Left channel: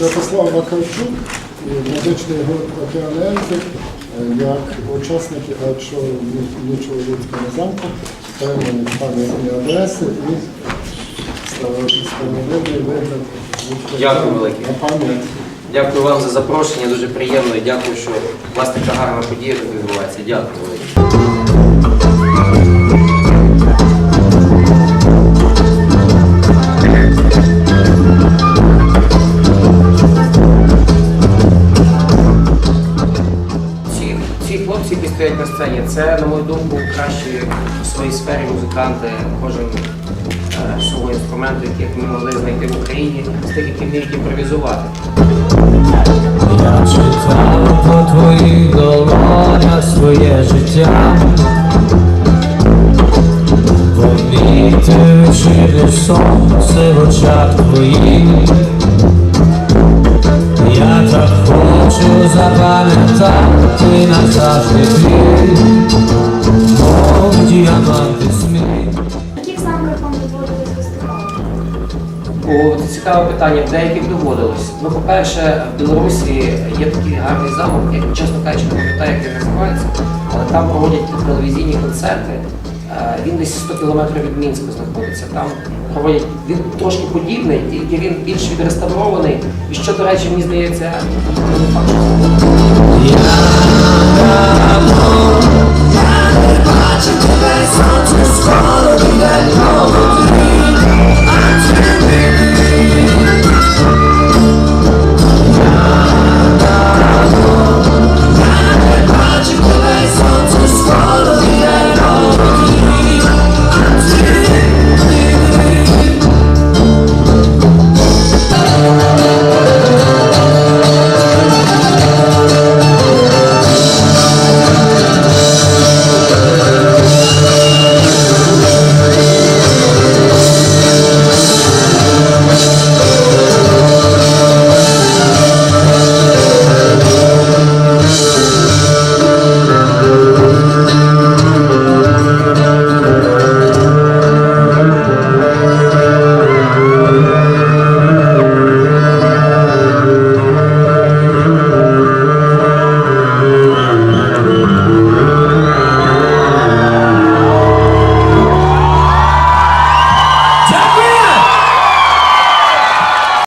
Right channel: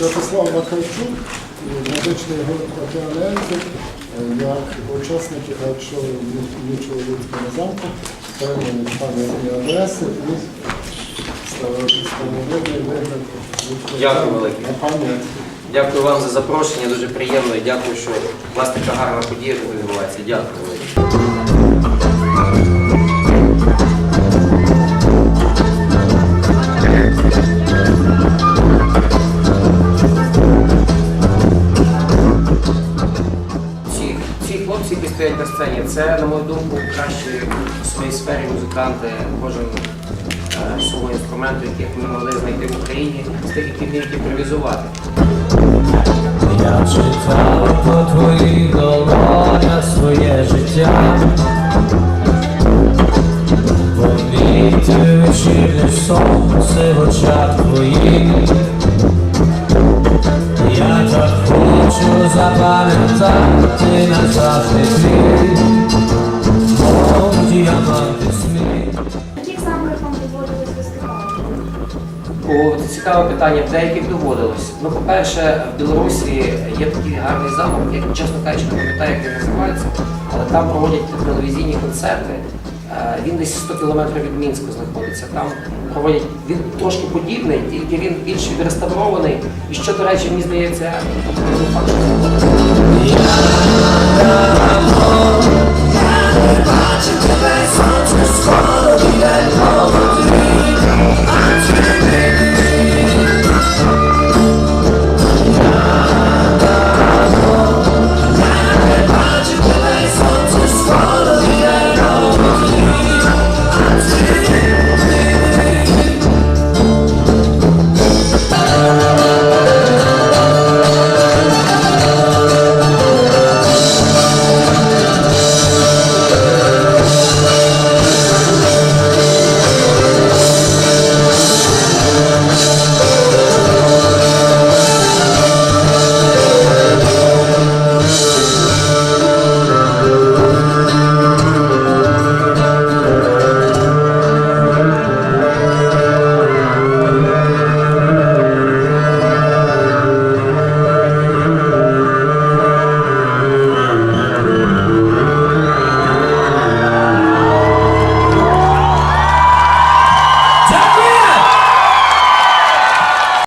Святослав Вакарчук, і медичний гурт «Океанельзик», е, як учасники першого нічого людського замку, певні пам'ятні адреси і встановлений вигляд. Дякую велике. На пам'ять. Дякую вам за запрошення, дуже приємно і дякую, що у вас така гарна подія відбувається. Дякую велике. Ці, ці хлопці, які стоять на сцені, це, на мою думку, кращі у своїй сфері музиканти, кожен е, свого інструменту, яких ми могли знайти в Україні, з тих, які вміють імпровізувати. Я читав по твоїх долонях своє життя, помітив вечірнє сонце в очах твоїх. Хочу запам'ятати назавжди твій, мов діаманти сміх. В яких замках вам доводилось виступати? О, це цікаве питання. В деяких доводилось. Ну, по-перше, в Білорусі є такий гарний замок, я чесно кажучи, не пам'ятаю, як він називається, але там проводять телевізійні концерти. Е, Він десь 100 кілометрів від Мінська знаходиться. Там проводять він трошки подібний, тільки він більш відреставрований. І що, до речі, мені здається, не факт,